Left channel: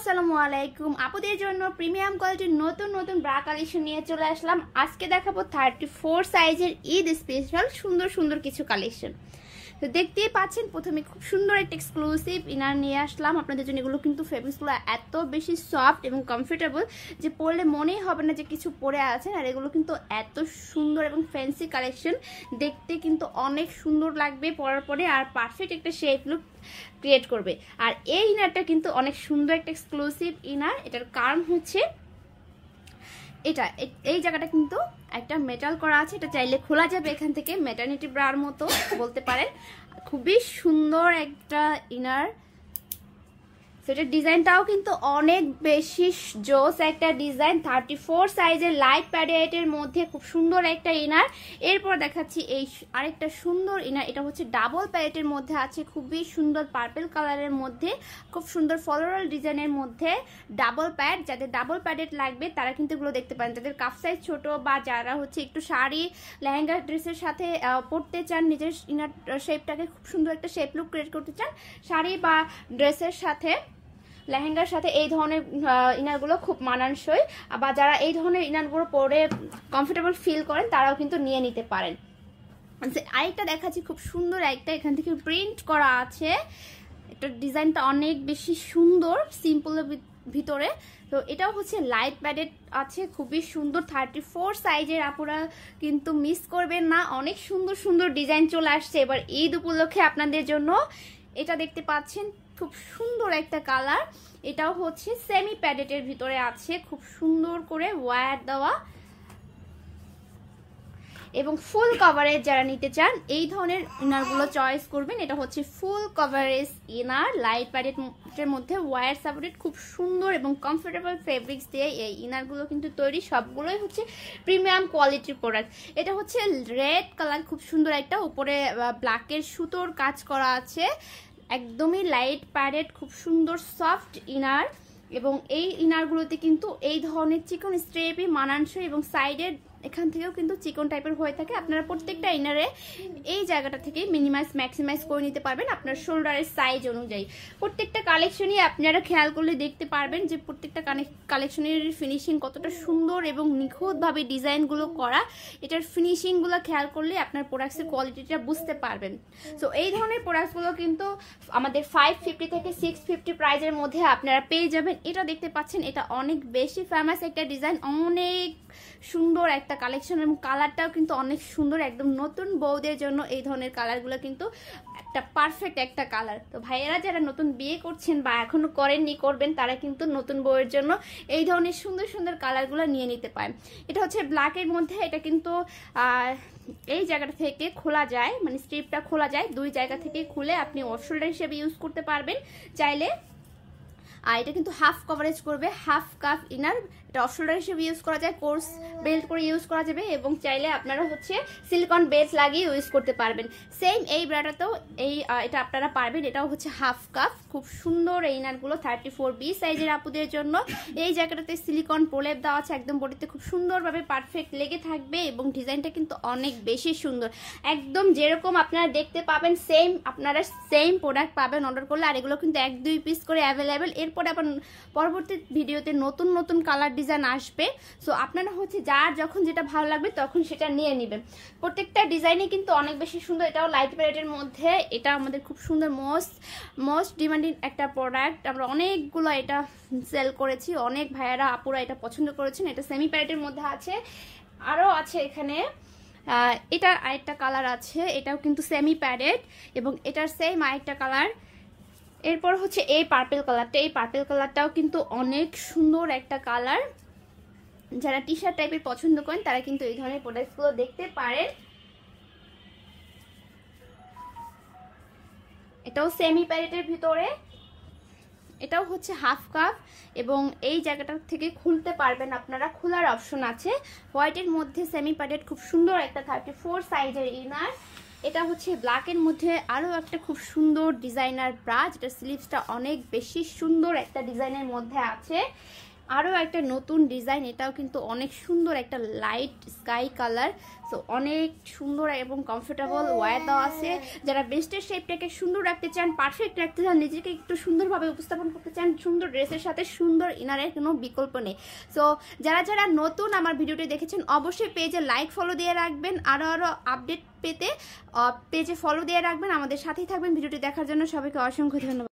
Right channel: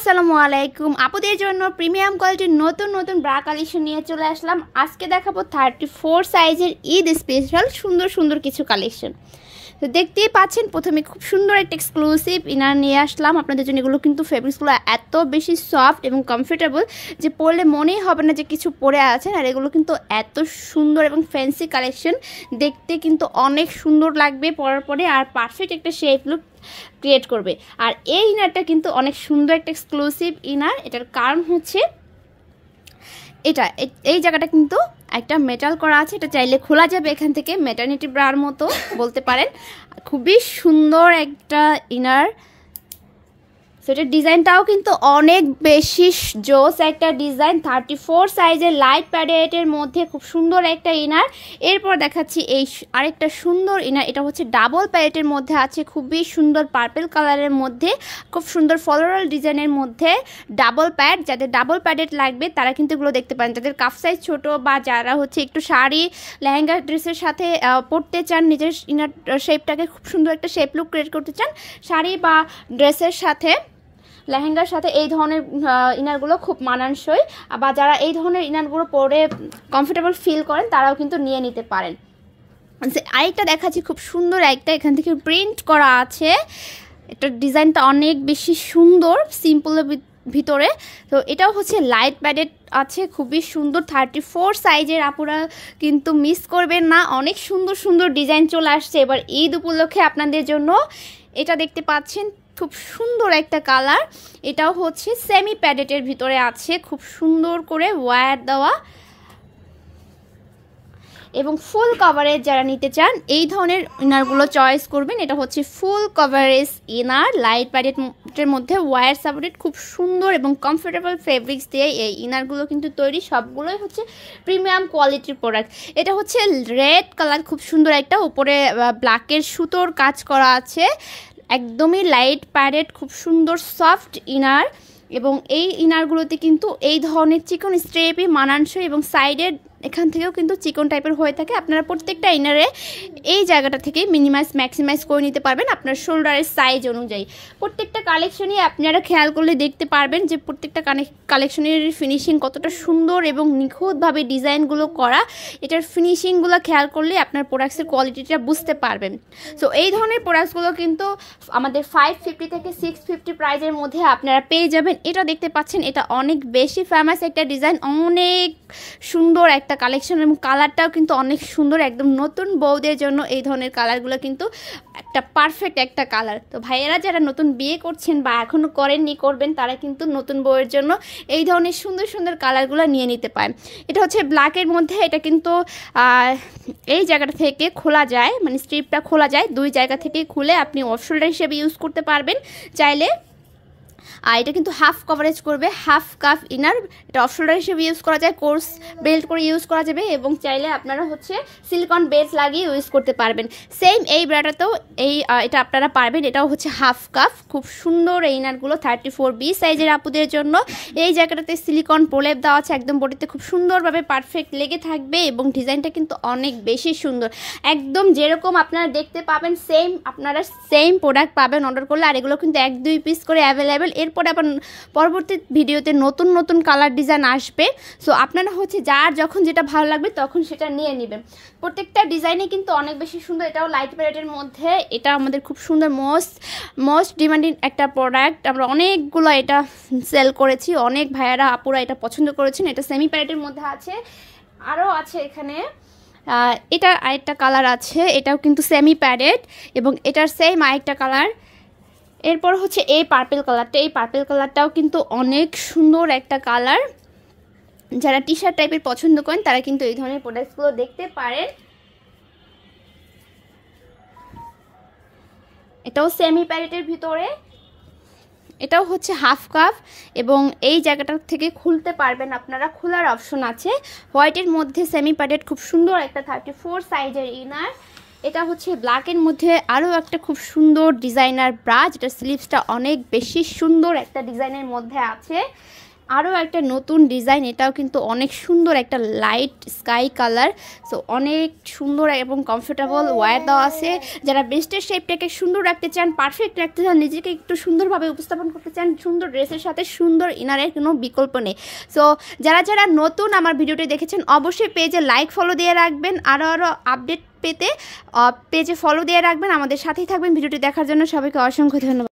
আসসালামু আলাইকুম আপুদের জন্য প্রিমিয়াম কোয়ালিটির নতুন নতুন ব্রা কালেকশন নিয়ে চলে আসলাম। আজকে দেখাবো 34 সাইজের ঈদ স্পেশাল সুন্দর সুন্দর কিছু কালেকশন। তো দেখতেই পাচ্ছেন প্রথমে খুব সুন্দর একটা এক্সক্লুসিভ ইনার নিয়ে আসলাম আপনাদের জন্য। এগুলো কিন্তু ফেব্রিক্সগুলো এত বেশি সফট এবং কমফোর্টেবল যে পরলে মনেই হবে না যে কিছু পরে আছেন। আর এগুলো কিন্তু এত সুন্দর এবং ফ্যান্সি কালেকশন, দেখতে কিন্তু অনেক সুন্দর লাগবে পরার পরে, আর পারফেক্ট একটা শেপ লুক ক্রিয়েট করবে। আর এই ইনারটা কিন্তু অনেক সুন্দর একটা এক্সক্লুসিভ ইনার। এটার কারণ হচ্ছে এই জায়গাটা কিন্তু একটা মেটাল করা আছে, এটা চাইলে খোলা যাবে এখান থেকে, ম্যাটারনিটি ব্রার মতো বলতে পারেন। খুবই সুন্দর একটা ইনার। সেটার ডিজাইনটাও কিন্তু অনেক বেশি জোস একটা ডিজাইন। 34 সাইজের লাইট প্যাডেটের মধ্যে খুব সুন্দর একটা ইনার। এরপর দেখাচ্ছি এই আরেকটা সুন্দর ইনার। এটা হচ্ছে ডাবল প্যাডেটের মধ্যে আছে, খুবই সুন্দর পার্পল কালারের মধ্যে, খুব সুন্দর ফ্লোরাল ডিজাইনের মধ্যে ডাবল প্যাড। যাদের ডাবল প্যাডেট লাগবে তারা কিন্তু এগুলো দেখতে পারেন। যাদের কাফ সাইজ ছোট বা যারা হচ্ছে একটু শাড়ি লেহেঙ্গা ড্রেসের সাথে পরতে চান, নিজের ইনার শেপটাকে খুব সুন্দর একটা শেপ লুক ক্রিয়েট করতে চান, শাড়ি বা ড্রেসের সাথে লেহেঙ্গার সাথে এই ধরনের ইনারগুলো খুব মানানসই। বা যারা এই ধরনের ইনারগুলো পরে কমফোর্টেবল ফিল করেন তারাও কিন্তু নিয়ে নিতে পারেন। আরেকটা দেখাচ্ছি খুব সুন্দর একটা, এখান থেকে প্রিন্ট করা আছে। এটার ডিজাইনটা অনেক বেশি সুন্দর, সিম্পলের ভিতরে। তো এটাও হচ্ছে লাইট প্যাডেড আছে, খুবই সুন্দর। 34 সাইজের আপুরা কিন্তু মিস করবেন না, অনেক সুন্দর সুন্দর ডিজাইন চলে আসছে এবার ঈদ উপলক্ষে আপনাদের জন্য। এটা দেখতে পাচ্ছেন খুব সুন্দর একটা কালার। এটাও হচ্ছে সেমি প্যাডেটের ভিতরে আছে, খুব সুন্দর করে ওয়্যার দেওয়া এবং ফুল কভারেজ যারা নিতে চান এই ধরনের ইনারগুলো চয়েস করবেন। এটা হচ্ছে ফুল কভারেজ ইনার, লাইট প্যাডেটের মধ্যে ওয়্যার সাপোর্টেড, খুব সুন্দর এবং কমফোর্টেবল ফেব্রিক্স দিয়ে এই ইনারগুলো কিন্তু তৈরি। সবগুলোই হচ্ছে প্রিমিয়াম কোয়ালিটির প্রোডাক্ট। এটা হচ্ছে রেড কালার, খুব সুন্দর একটা, উপরে ব্ল্যাকের সুতোর কাজ করা আছে, একদমই লাইট প্যাডেড, খুব সুন্দর সফট ইনার। এবং এই ইনারগুলোতে কিন্তু এই ধরনের চিকন স্ট্রেপই মানানসই এবং সাইডের এখান থেকেও কিন্তু চিকন টাইপের হয়ে থাকে। আপনারা প্রত্যেকটা ইনারে এই জায়গাটা থেকে মিনিমাইজ ম্যাক্সিমাইজ করে নিতে পারবেন আপনার শোল্ডারের সাইজ অনুযায়ী। প্রত্যেকটা কালেকশনই আপনারা খেয়াল করলে দেখতে পারবেন যে প্রত্যেকটা কালেকশনের ফিনিশিং কতটা সুন্দর এবং নিখুঁতভাবে ডিজাইনগুলো করা। এটার ফিনিশিংগুলো খেয়াল করলে আপনার প্রোডাক্টসের কোয়ালিটিটা বুঝতে পারবেন। সো এই ধরনের প্রোডাক্টসগুলো কিন্তু আমাদের 550 থেকে 650 প্রাইজের মধ্যে আপনারা পেয়ে যাবেন। এটা দেখতে পাচ্ছেন, এটা অনেক বেশি ফেমাস একটা ডিজাইন, অনেক সুন্দর একটা কালেকশন এবং কালারটাও কিন্তু অনেক সুন্দর। একদম নতুন বউদের জন্য এই ধরনের কালারগুলো কিন্তু একটা পারফেক্ট একটা কালার। তো ভাইয়েরা যারা নতুন বিয়ে করছেন বা এখনো করেননি, করবেন, তারা কিন্তু নতুন বউয়ের জন্য এই ধরনের সুন্দর সুন্দর কালারগুলো নিয়ে নিতে পারেন। এটা হচ্ছে ব্ল্যাকের মধ্যে, এটা কিন্তু এই জায়গাটা থেকে খোলা যায়, মানে স্ট্রিপটা খোলা যায়, দুই জায়গা থেকে খুলে আপনি অফ শোল্ডার হিসেবে ইউজ করতে পারবেন চাইলে। আর এটা কিন্তু হাফ কভারেজ করবে, হাফ কাফ ইনার। এটা অফ শোল্ডার হিসেবে ইউজ করা যায়, কোর্স বেল্ট করে ইউজ করা যাবে এবং চাইলে আপনারা হচ্ছে সিলিকন বেল্ট লাগিয়ে ইউজ করতে পারবেন। সেম এই ব্রাটাতেও এটা আপনারা পারবেন। এটাও হচ্ছে হাফ কাফ, খুব সুন্দর এই ইনারগুলো 34B সাইজের আপুদের জন্য। এই জায়গাটাতে সিলিকন প্রলেপ দেওয়া আছে, একদম বডিতে খুব সুন্দরভাবে পারফেক্ট লেগে থাকবে এবং ডিজাইনটা কিন্তু অনেক বেশি সুন্দর, একদম যেরকম আপনারা দেখতে পাবেন সেম আপনারা সেম প্রোডাক্ট পাবেন অর্ডার করলে। আর এগুলো কিন্তু 1-2 পিস করে অ্যাভেলেবেল। এরপরে আবার পরবর্তী ভিডিওতে নতুন নতুন কালার ডিজাইন আসবে। সো আপনারা হচ্ছে যার যখন যেটা ভালো লাগবে তখন সেটা নিয়ে নেবেন। প্রত্যেকটা ডিজাইনে কিন্তু অনেক বেশি সুন্দর। এটাও লাইট প্যাডেটের মধ্যে, এটা আমাদের খুব সুন্দর মোস্ট ডিমান্ডিং একটা প্রোডাক্ট। আমরা অনেকগুলো এটা সেল করেছি, অনেক ভাইয়ারা আপুরা এটা পছন্দ করেছেন। এটা সেমি প্যাডেটের মধ্যে আছে, আরও আছে এখানে। এটা আরেকটা কালার আছে, এটাও কিন্তু সেমি প্যাডেড এবং এটার সেম আরেকটা কালার। এরপর হচ্ছে এই পার্পল কালারটা, এই পার্পল কালারটাও কিন্তু অনেক সুন্দর একটা কালার। যারা টি শার্ট টাইপের পছন্দ করেন তারা কিন্তু এই ধরনের প্রোডাক্টসগুলো দেখতে পারেন। এটাও সেমি প্যাডেটের ভিতরে, এটাও হচ্ছে হাফ কাফ এবং এই জায়গাটা থেকে খুলতে পারবেন আপনারা, খোলার অপশন আছে। হোয়াইটের মধ্যে সেমি প্যাডেট, খুব সুন্দর একটা 34 সাইজের ইনার। এটা হচ্ছে ব্ল্যাকের মধ্যে আরও একটা খুব সুন্দর ডিজাইনার ব্রা, যেটা স্লিভসটা অনেক বেশি সুন্দর একটা ডিজাইনের মধ্যে আছে। আরও একটা নতুন ডিজাইন, এটাও কিন্তু অনেক সুন্দর, একটা লাইট স্কাই কালার। সো অনেক সুন্দর এবং কমফোর্টেবল ওয়্যার দেওয়া আছে। যারা ব্রেস্টের শেপটাকে সুন্দর রাখতে চান, পারফেক্ট রাখতে চান, নিজেকে একটু সুন্দরভাবে উপস্থাপন করতে চান, সুন্দর ড্রেসের সাথে সুন্দর ইনারের কোনো বিকল্প নেই। সো যারা যারা নতুন আমার ভিডিওটি দেখেছেন অবশ্যই পেজে লাইক ফলো দিয়ে রাখবেন। আরও আপডেট পেতে পেজে ফলো দিয়ে রাখবেন, আমাদের সাথেই থাকবেন। ভিডিওটি দেখার জন্য সবাইকে অসংখ্য ধন্যবাদ।